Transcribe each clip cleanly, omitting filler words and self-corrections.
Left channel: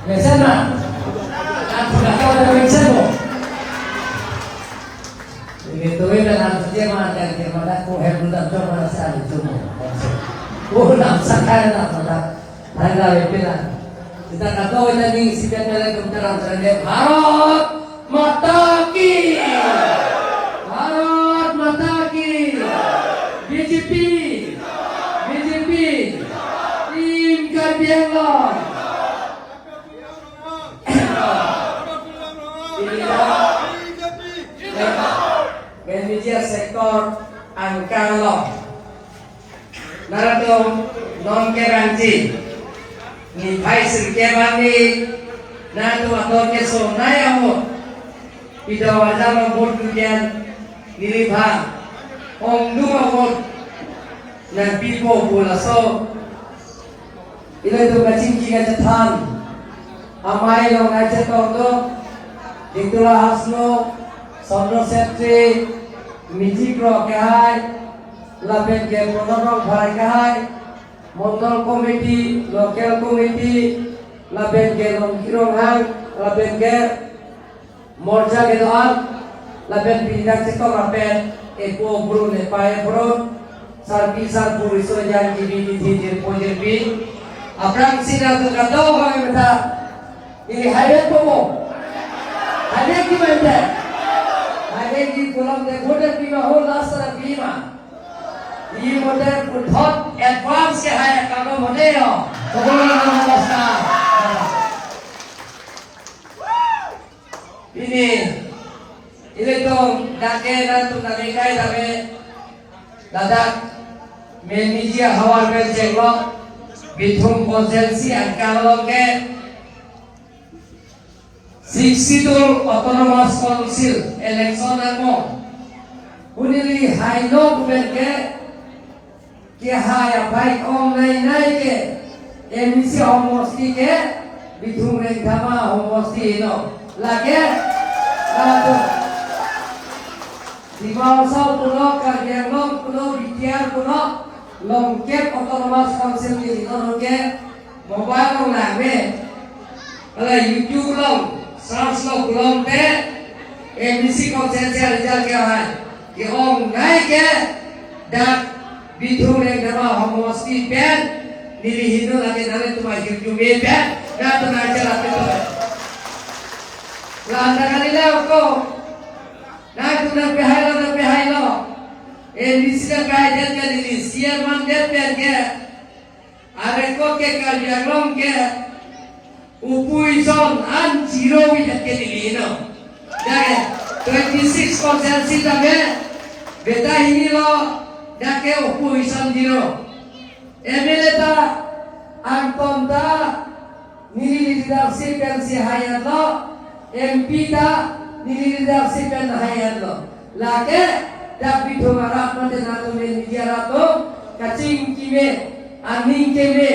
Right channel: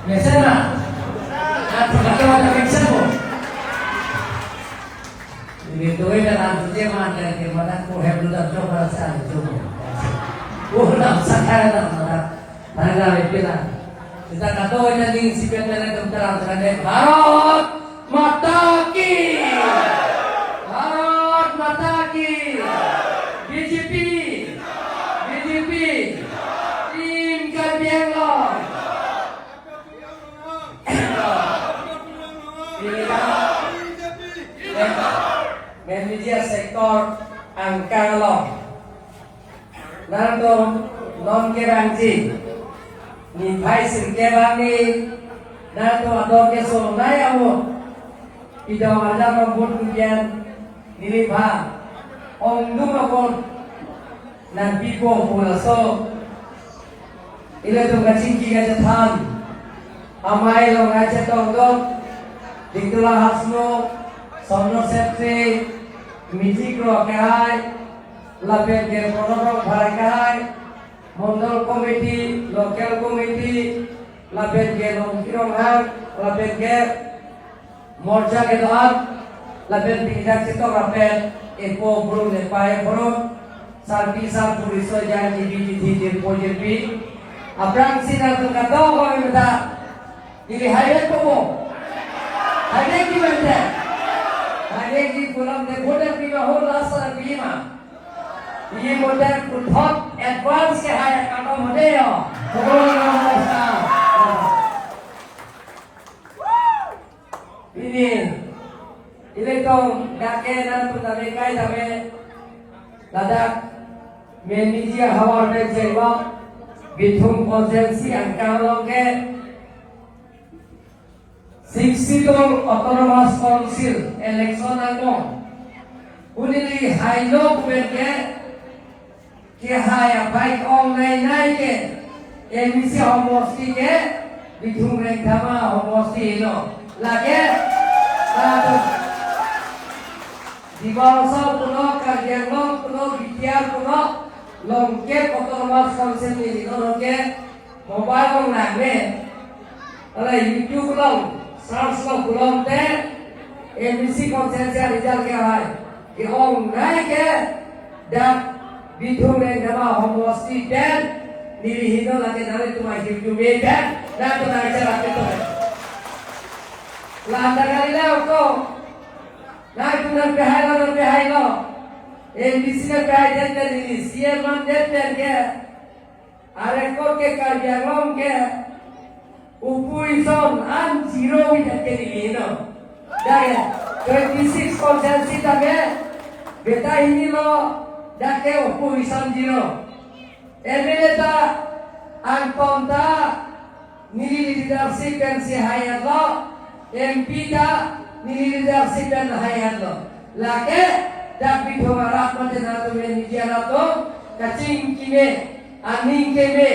Mesena, aku nak kawan dengan siapa? Ini tu kan aku dia mana dia mana aku hebat dah coba sekali coba. Oh nak sakit nak mana? Harga berbeda. Kita kata kita ni siapa yang terang terang Bharat Mata Ki, Bharat Mata Ki, BJP, Tim Gabungan. Manager sektor Angkalo Naratong non keranci ni Vice Kebani Nato ator keso nayawo Ida wajah vote tujuan nilibha Ongduma vote nan pipo bolaso ila tu kacing kaya jathan amai lo ngaca tongdo dikula hasno somno setri Miji Pro Kahai, Lapian ke Pondok Bharai Kahai, Mondol Komiti, Lokal Komiti, Lapian ke Longkirong Hang, Lapian ke Morja ke Doan, Lapian Pindah Cito Lapian Epo Bro Lepai Bro, Sarki Sarpur Iso Yang Gibi Di Pojer Bi, Abrang Sinar Tu Kato Kami Minta, ini highway Pomo, highway Kimante. Ada di kolam de border pima ho rasa pima. Di border ku thought advance ke hai kamu modelo. Pokoknya nama basta. Ini tu dake na tu nadekai dame. Dadak manager hawar bel jenglo. Bithum constituency angkalo ke Sixitor Autonomous Council election ako. Unili hailo kumenke kia haya baik online ke emisi homosti ke bithung rengkama homosti ino lage satu di bawah puno kardianlo puno bitiar puno longkep Autonomous Council ini longkep mobile lagme ala YouTube long Saraslo Kulon ke MBC konsensia rizal ke hai ke om naik ke dak bithung reng nama homosti pen nilihino lagi nale tu masih jume pen dan tu naca lagi tu lah anda kali leo ko naik tu nak behai lo MBC nak behai dan ke nilih siar man dan pen ke areko ke karya long ke Upuison an zero yang kelihino, dah 26% tambe, beta ini lo, dah ke upuison zero. MLA ta, an ponta, nili leadership yang si hayat lo, MP ta, nili leadership yang hayat lo. Lagi, dah pitu marat macam nato media nato, kacing kime, aning kime,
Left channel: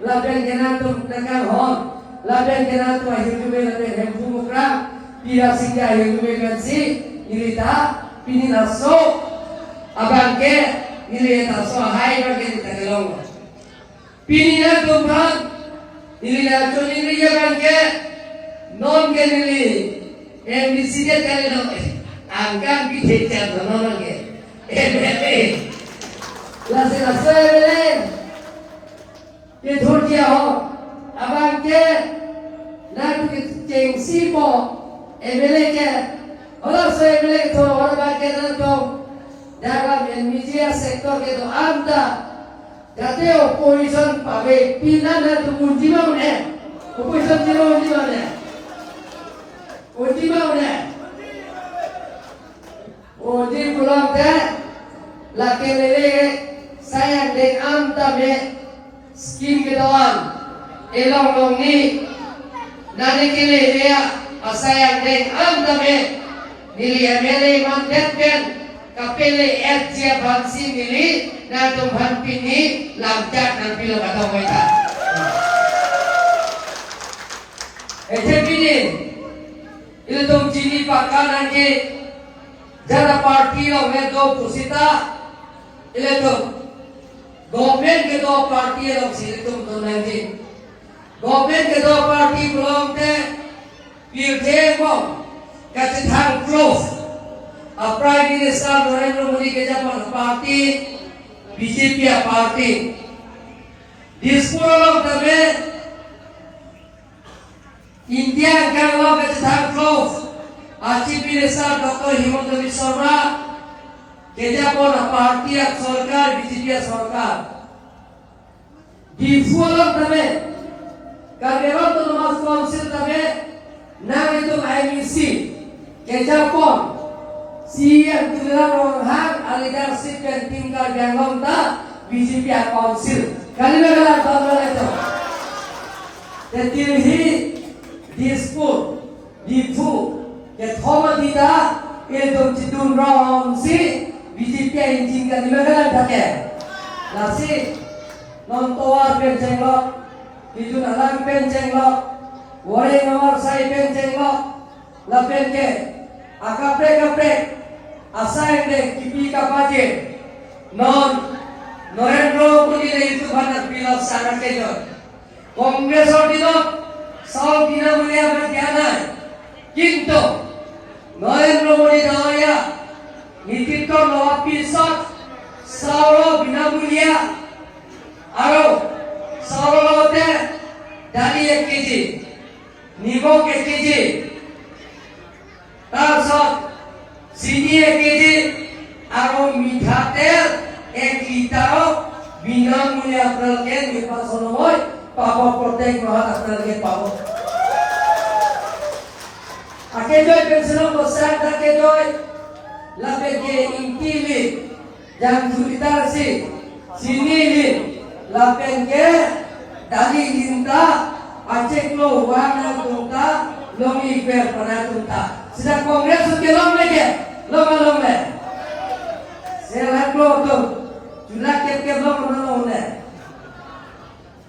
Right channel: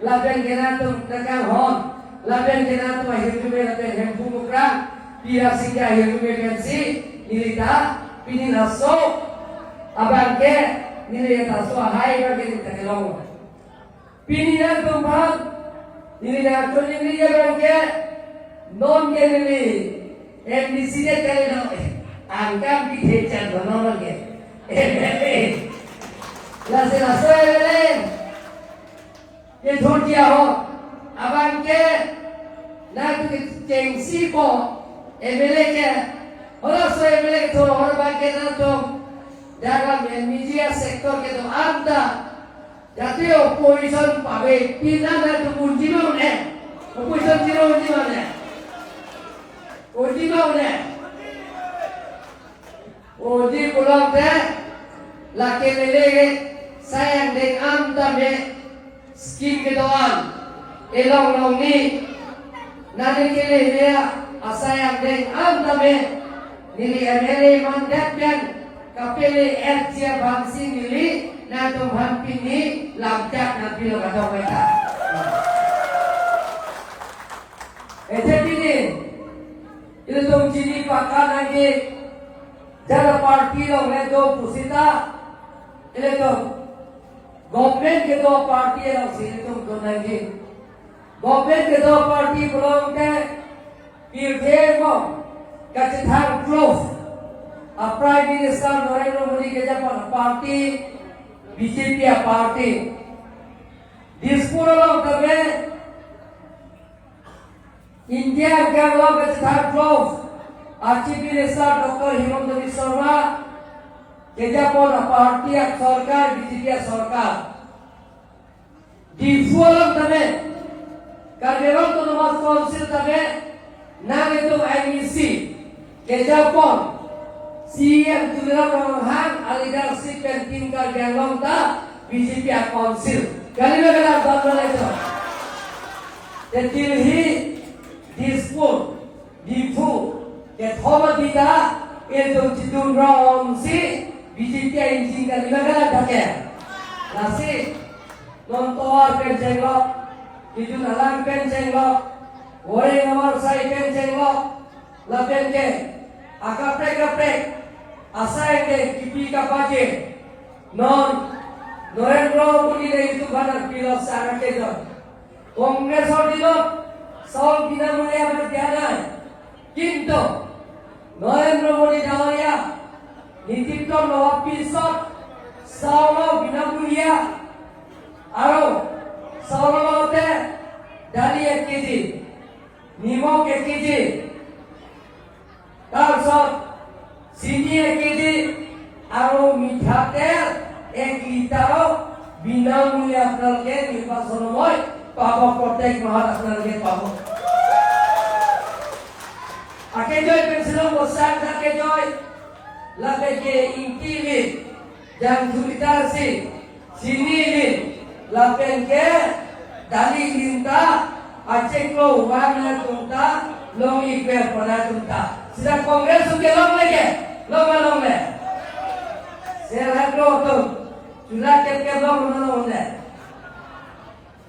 laben kenato dekat hon. Laben kena tu akhir jume laben hempu mukram pihak sih akhir jume gansi nilita pini naso abang ke nilita so hai bagi kita kelong pini na tumpang nilita tu nilita abang ke non ke nili MBC dia kali lo angkat kita cakap non ke lase belen ke thortia ho abang ke nak cengsi po MLA ke orang so MLA ke thor orang bang ke na to dalam media sektor ke to anda jate opposition pabe pina na tu kunci mau ne opposition zero kunci mau ne kunci mau ne kunci pulang ke laki lele sayang dek anda me skim ke doan elong long ni nani kile dia asayang deng antame nili MLA mandat ben kapele etja bangsi nili na tumhan pini lamjat na pilo katong kita etja pini itu tum jini pakanan ke jara parti lo me do pusita ile to government ke do parti lo sili tum to nanti Government ke dua parti belum ke pilkada kata thang close. Prime Minister Narendra Modi ke japan parti BJP parti. Dispuro long terme India ke long kata thang close. Chief Minister Dr. Himanta Biswa Sarma ke japan parti सरकार BJP सरकार. Dispuro long terme Karyawan Tumas Council tadi nang itu IMC kejapon siang tulisan orang hang leadership dan tim karyawan ta BJP Council kali mana batal itu tetilhi dispute dipu ke thoma dida itu cidung rom si BJP injin kali mana pakai nasi nontoar penjengok itu nalang penceng lo, goreng nomor saya penceng lo, lapen ke, akaprek, asal ke kipi kapaje, Narendra Modi itu banyak bilang sangat kejut. Kongres itu, soal bina mulia bertiada, kinto, Narendra Modi daya, nitipkan lo pisat, soal bina mulia, aro. Sarolote dali 1 kg, nimok 1 kg, তারপর চিনি 1 kg আৰু মিঠাতেল 1 লিটাৰ বিনামূলীয়া আপোনালোকে নিৰ্বাচন সময় পাব প্ৰত্যেক মাহত আপোনালোকে পাব। Akejoy pensiun besar akejoy lapeke intili dan sekitar sini lapen ke dali linta acek lo wana tunta lomi ke pada tunta sudah kongres ke long lagi long le saya lo tu sudah ke long mana one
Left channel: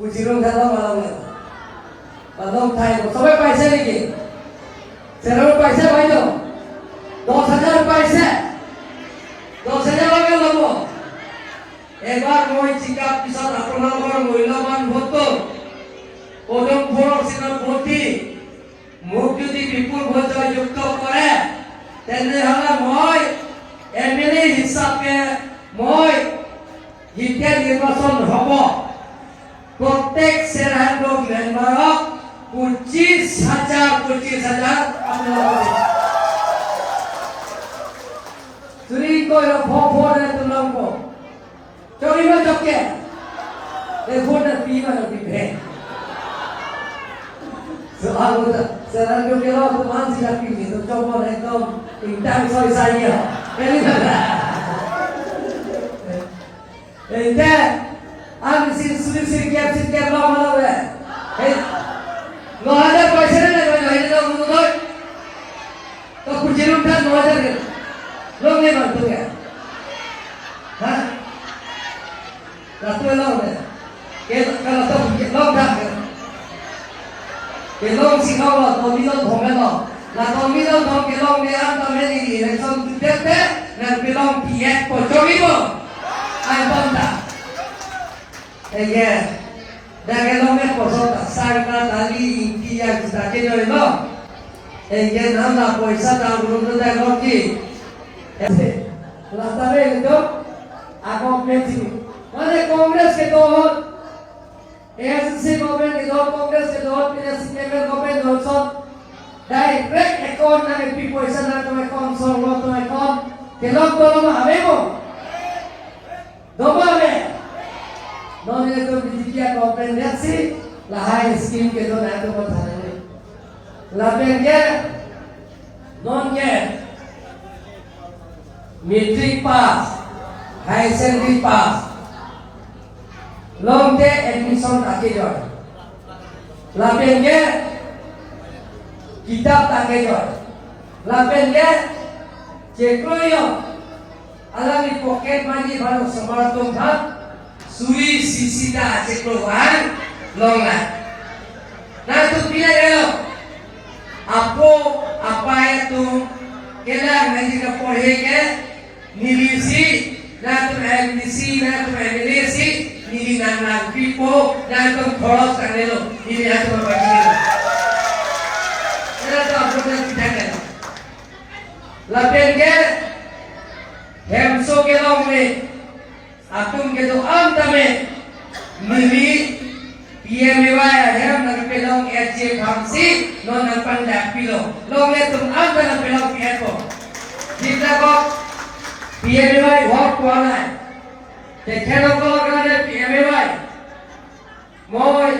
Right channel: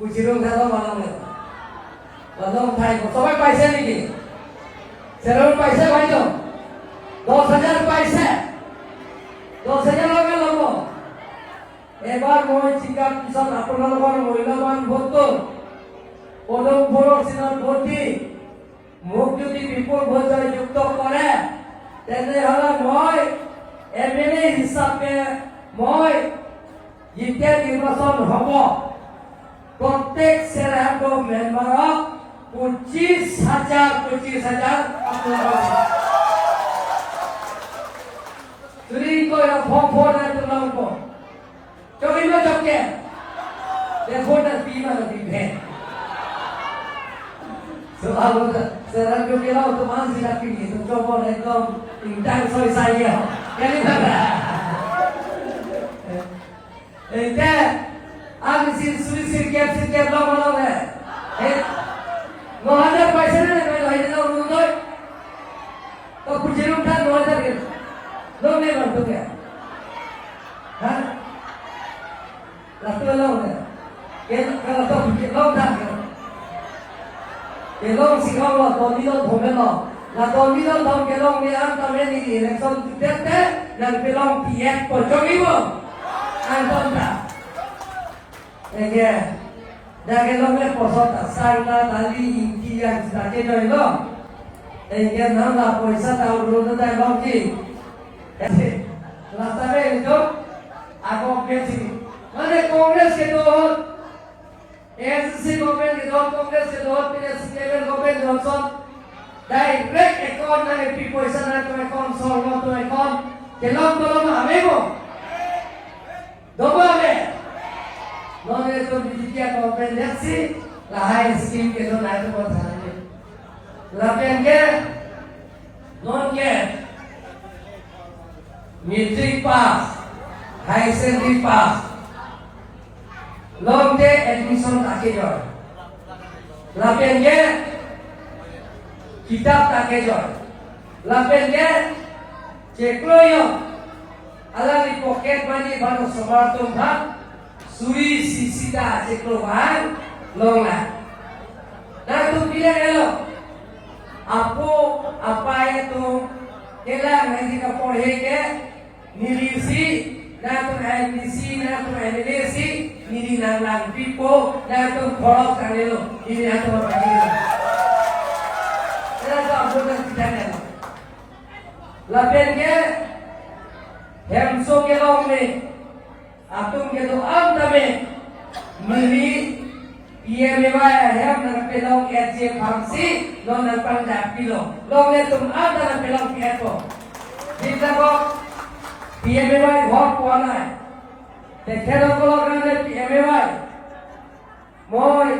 pujirum dalam malam le malam thai sampai paisa lagi saya paisa baito 10,000 paisa 10,000 lagi lomo এবার মই চিকাপ পিছত আপোনালোকৰ মূল্যৱান ভোটটো পদম ফৰক সিনত ভোটি মোক যদি বিপুল ভোট যুক্ত কৰে তেনেহলে মই এমএলএ হিচাপে মই যেতিয়া নিৰ্বাচন হ'ব প্ৰত্যেক চেৰাহান্দ মেম্বাৰক 25,000 আপোনালোকক যদি কয় ভোট তোমালোকক Curi macam ke? Telepon dan pima lebih baik. Selalu serang kita tu masih nak pergi. Coba ekdom intang soal saya. Kali mana? Ente, aku sini kiap lama le. Nggak ada paisa ni, nggak ada orang tu. Kau perjalanan kan nggak ada ke? Lo ni bantu ke? Hah? Satu long deh, kalau tu long dah, long singgah lo, domino thomel lo, la domino thom long ni am thom ni election tutete, dan long kiat pocori lo, ay bonda, dah long ni posota, sarga tali inti yang sudah kena lo, nama la poisa tahu dulu dah long ki, rasa ni itu, aku kecil. Mana Kongres ke dohot, ANCC government ke dohot, Kongres ke dohot, PSCM government dohot, direct account na ke people isa na to account, so lo to account, kelong tolong hamego, domame, nomine to BJP government yaksi, lahai scheme ke dohot na to bothanane, lapen ke, non ke, matric pass, high secondary pass. Long day admission take joy. Lapen ke kitab take joy. Lapen ke cekloyo. Alam di pocket money baru sebartung hak. Sui sisida cekloan long lah. Nah tu bila kalau apa itu kelang nanti kapolhe ke nilisi. Natum MDC, natum MLC, nili nang pipo, natum khoros kanelo. ini atau bagi saya tak pernah tidak lapian ke hemso ke long ni atum ke tu am tame mili ia mewah ya nak pelong kerja fungsi non nak pandai pilo long le tu am tame pelong kerja jika kau ia mewah hot kuana দেখেন কারণে এমএওয়াই মই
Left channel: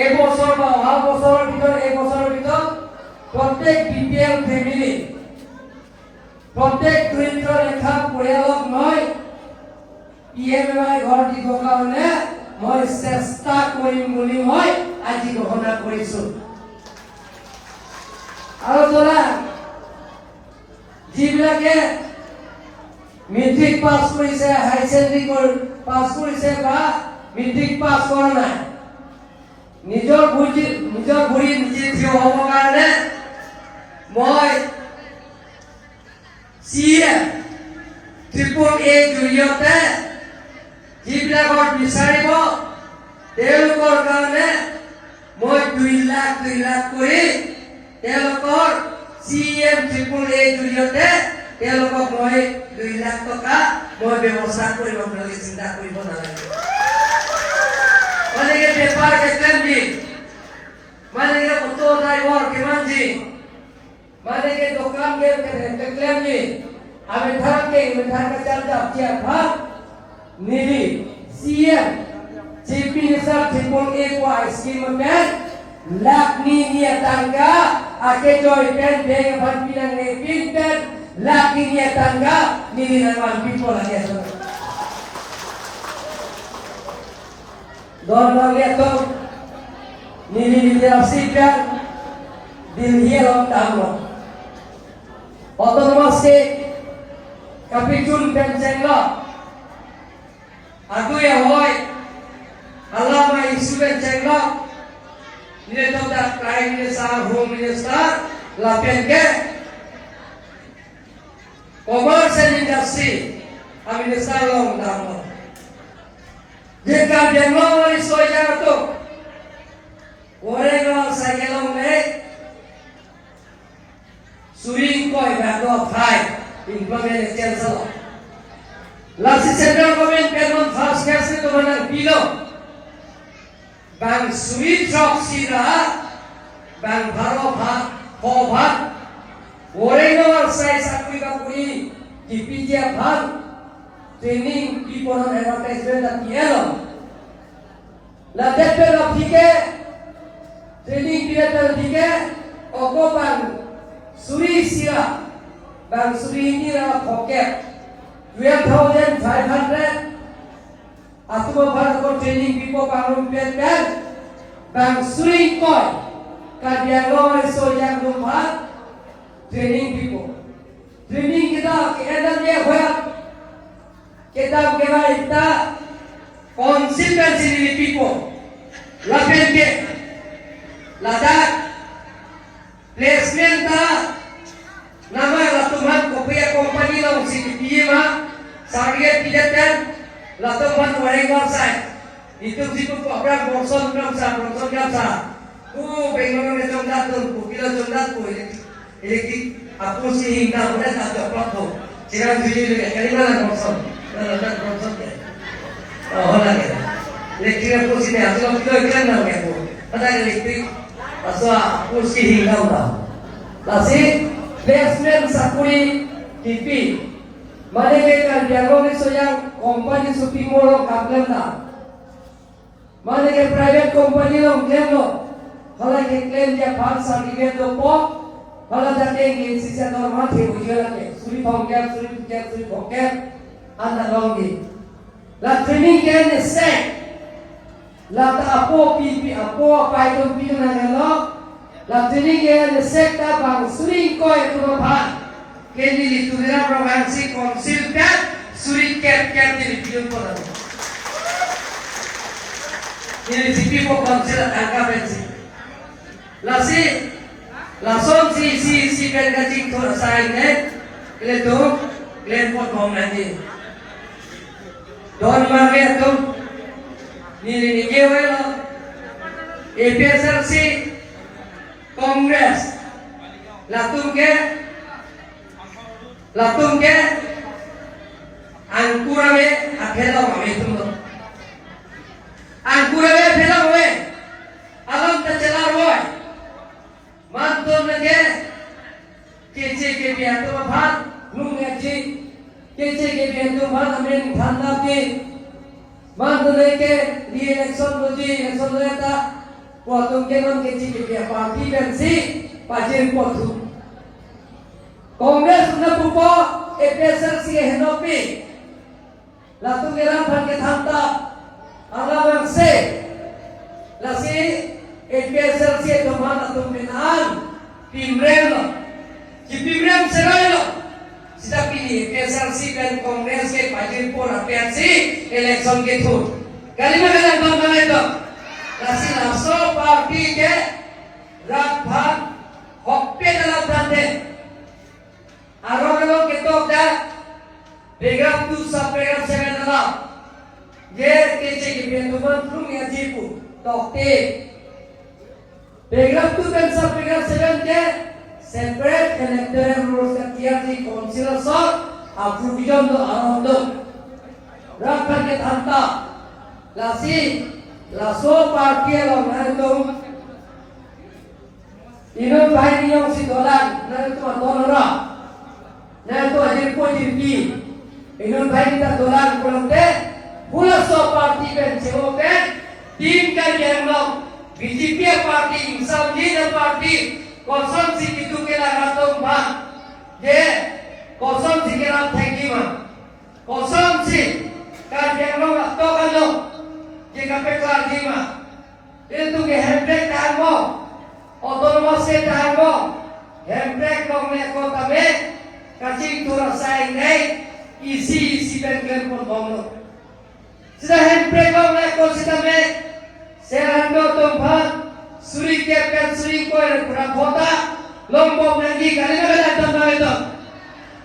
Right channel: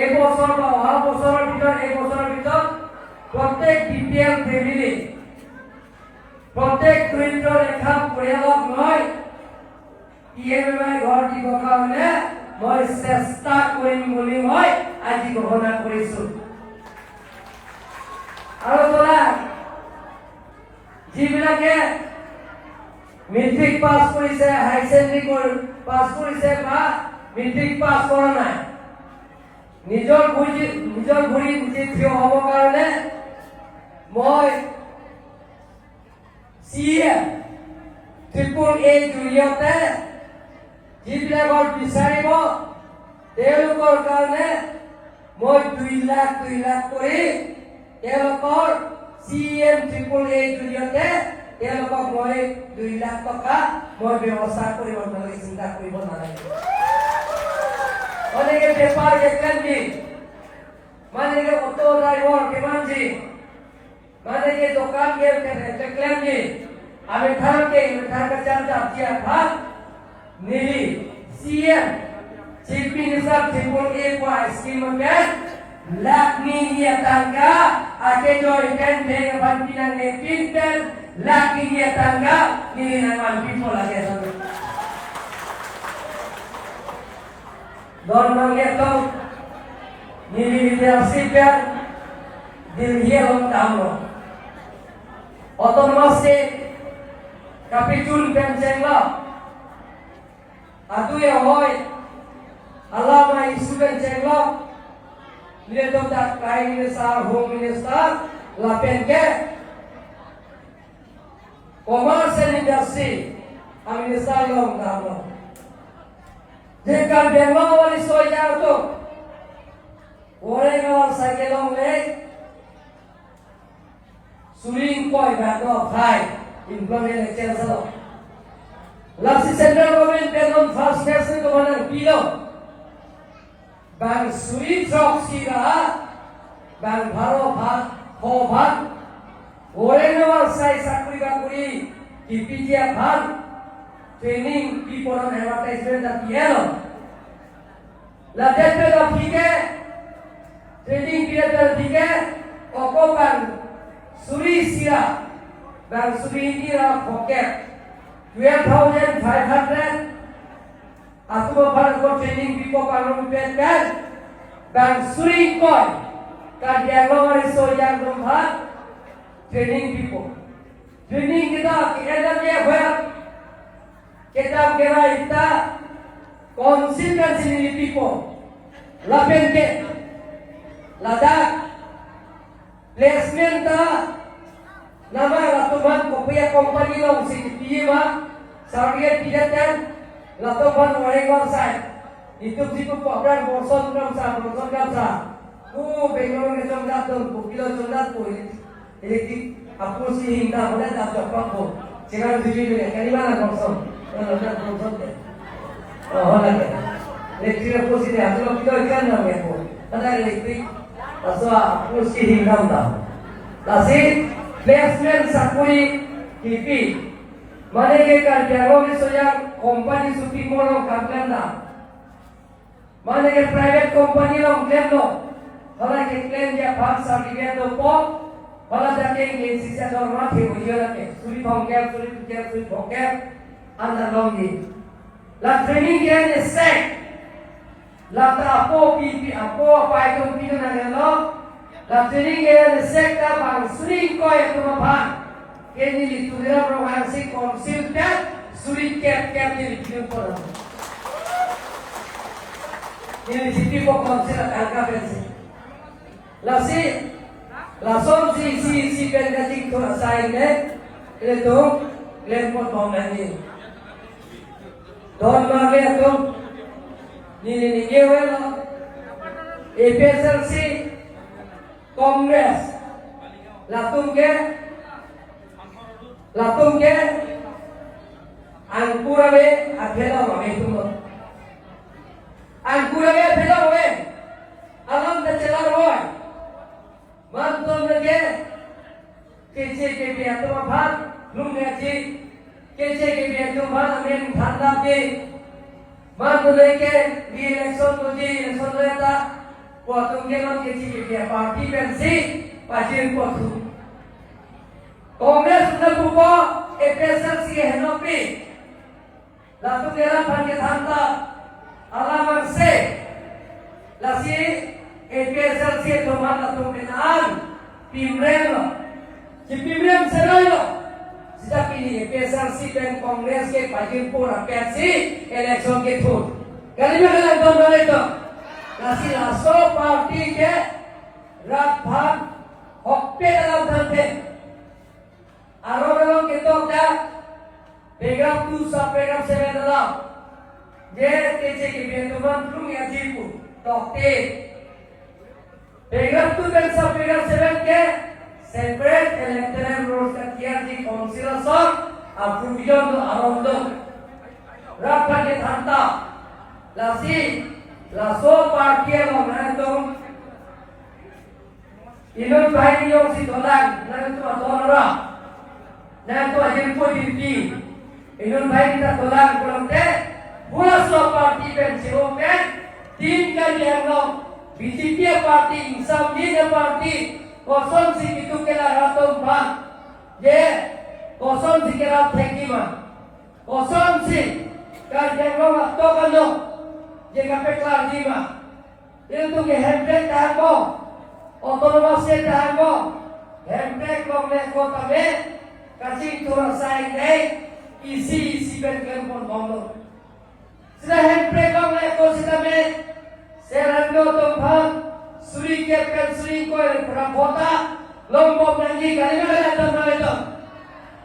এই বছর বা অহা বছরের ভিতর প্রত্যেক বিপিএল ফ্যামিলি প্রত্যেক দরিদ্র রেখা পরিয়ালক নয় ইএমআই ঘর দিব কারণে মই চেষ্টা কৰিম বুলি মই আজি ঘোষণা কৰিছো আৰু তোরা যিবিলাকে মেট্রিক পাস করেছে হাই সেকেন্ডারি পাস করেছে বা মেট্রিক পাস কৰা নাই নিজৰ ভৰি নিজে থিয় হ'ব কাৰণে মই সিএম ত্ৰিপুল এ জৰিয়তে যিবিলাকক বিচাৰিব তেওঁলোকৰ কাৰণে মই 2 লাখ কৰি তেওঁলোকৰ সিএম ত্ৰিপুল এ জৰিয়তে তেওঁলোকক মই 2 লাখ টকা মই ব্যৱস্থা কৰিব নালাগে চিন্তা কৰিব নালাগে মানে পেপাৰ কেটলেন দি মানে অটো ড্ৰাইভাৰ কিমান দি মানে দোকান के কেটলেন দি আমি থাককে চাল যাচ্ছি ভাগ নীলি সিএম চিফ মিনিস্টার ত্রিপুল এ को स्कीम में lakh ni dia tangga ake joy kan bega ban pinang ne pinten laki dia tangga nili naman people lagi sama don lagi to nili leadership yang dilhiaron kamu otonomous state kapitun pencenglo adu ya hoy alama isu pencenglo nili to that prime minister home minister la penke commerce and industry amine salom damo jika benglo wali soja to orego sagelong le suing poi bado phai implementation salo last central government pelon fast phase to manar pilo bang sui drop sira bang bharo bhat ko bhat orego sai sakuri bakuri dipijia bhat training people on advertisement at yellow la tete lo thike training period thike koko bang suri sira bang suri ni ra pocket 12,500 atuma bhar ko training people kanun pet kan bang suri koi kadiang lo so yang rumah training people training kita adam dia hoya kitab kewa ita consistency ni people lapen ke ladak placement ta nama latuman kopia company lo CPI ma sargia pidatan latuman mereka site itu situ program promotion sa Bengal ne jomdat tu kilo jomdat tu elektrik aku sih hingga udah tak dapat tu sekarang tujuh ni kali mana promotion ya oh lagi elektrik aku sini asal kilo ikan nama aku ada elektrik asal aku sih hingga udah lasi placement sakuri TV mana mereka dialog itu yang company shopping mall orang kapten dah mana ke private company orang claim lo kalau ke claim dia bangsa dia tu pop kalau jadi yang sisa normal dia ujian lagi suri bongkar anda lagi la training dia ni set la tak apa pipi apa itu pipi nang lo la training dia ni set tak bang suri kau itu apa kini itu dia provinsi konsil kan suri ker di pipi pada ini pipi kau konsil angka pensi lasi langsung si bergaji thor sign ne itu lempot bom nanti don mage tu ni ke welo APSRC Congress latung ke angkurawe aphela wae tum angkurawe aphela wae alam ta chalar hoy manton lage kece ke biya to bhat lumne ji kece ke biya to bhat amren dhanda ke manton leke di election ji election lata wa tum ke non kece ke biya party ben si pajin ko thu Congress na bupo APSRC henopi latung era bhan ke dhanda alawan se lasi APSRC to bhat atum binan Pimrem Pimrem Seroilo sida pilih APSRC dan Kongres ke Pajipur APSRC election ke thun kali में गलत दो ना तो लासी lasso party के रात भाग होके dalam nanti आरोग्य के तो क्या बेगम तू सब बेगम से में dalam ये कैसे की बेंतुमान तुम या जीपू तो ते बेगम तू kan सब बेगम से में के separate electoral rules ka tiar di council sa approvision do arondo rakha ke thanta lasi laso party lo nando ino pai yo si dolan nando dolora nando ajir ko dirki ino pai ta dolan kolonte pula so party ben sewo ben tin ka yerno BJP party insam ni party kosong si itu kela ratum bang, ye kosong si kela thanki man, kosong si kan jenglo to kalo, ye kape kali man, itu ke handbrake tango, otonomasi tango, handbrake kongnya kota me, kacing turun saing naik, isi bengkel pun bonglo, sudah handbrake kongnya kota me, serando tumpah. Suri ke pen suri ko pura kota lombok lagi kali mana datang nama itu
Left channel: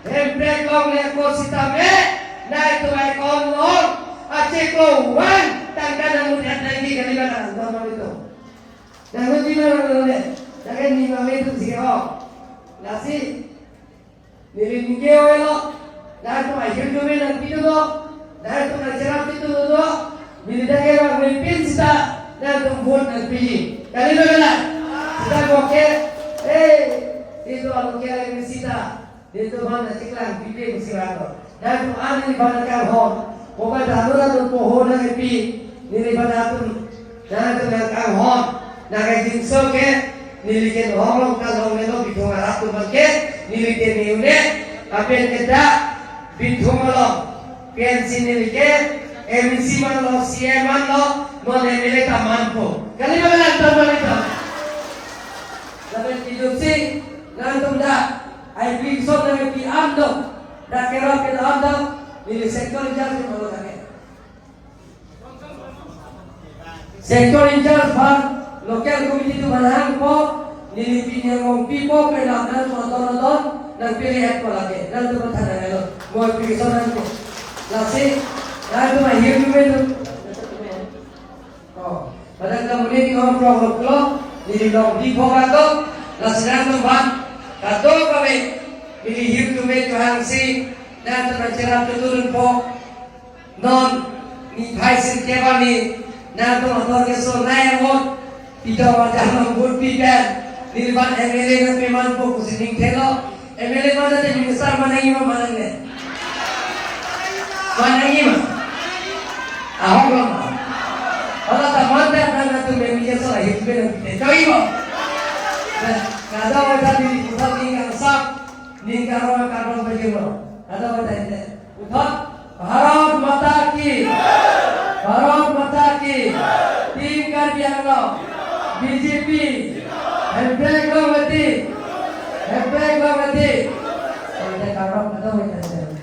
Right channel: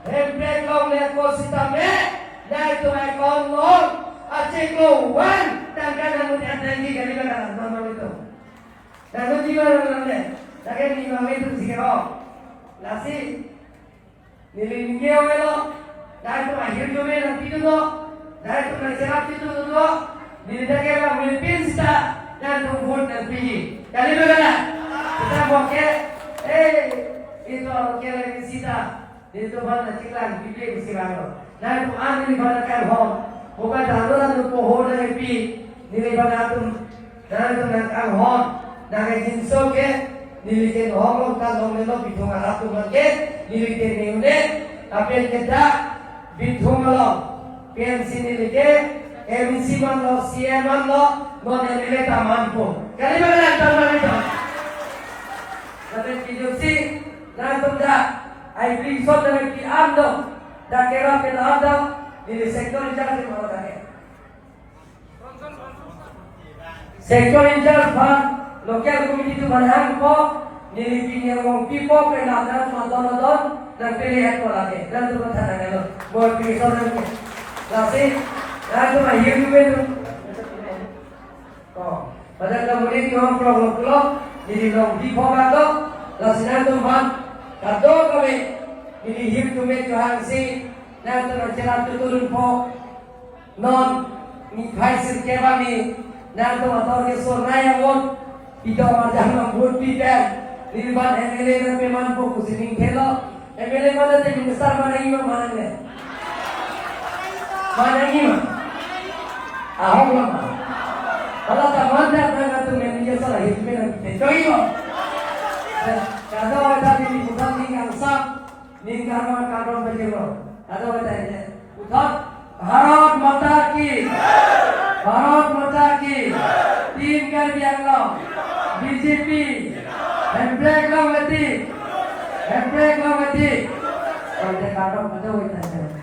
hembre kong le ko sitame naik tu naik kong long aceh ko wan tangkan namu tiada lagi kali mana nama itu namu di mana le takkan ni nama itu sihro nasi nilai welo naik tu akhir jome nanti tu naik tu naik itu tu nilai dia orang pinsta dan tu vote nanti kali mana? Kita boke, itu apa kira misita, itu mana ciklang, pipi misirano. Dan tu ane ni mana kan hon, bukan daharan tu pohon lagi pi, ni mana tu, dan tu yang kan hon, naga jinso ke, nilikin hong kan hong melo bidung arab tu make, nilikin niune, apa yang kita bidung malo, pensi nilikin. MC man lo, CM man lo, non MLA ka mampu. Kali mana nanti mana itu? Nanti video sih, nanti dah. I bring so dari PM do, dah kira kita ada, ini sektor incharge di mana tadi? Sektor incharge ban, local committee tu banyak ko, ini punya orang pipo, penat nonton, dan pilih apa lagi, dan tu bertanya lagi. Buat pilih so nanti, lasi. Lalu akhir itu, pada kemudian kita problem jadi blog di fokus tu, laksana tu bang, atau kami ini hidup tu Tuhan si dan tercerah turun po non ni hai setiap ni dan tu atau kesor naik wot tidak macam nombor pipen ni lepas MLA tu memang fokus ini telo MLA mana jadi besar mana ini mana ni mana ini ahok mana? Kalau tak mantap dan tu memang salah hidup ni. Coba. Ada orang di pusat ni yang sah, ni karena karena berjiro. Ada orang ini. Pusat Bharat Mata Ki, Bharat Mata Ki, Team Karbianglo, BJP, Handbrake lo mati. Ada karena ada orang ini.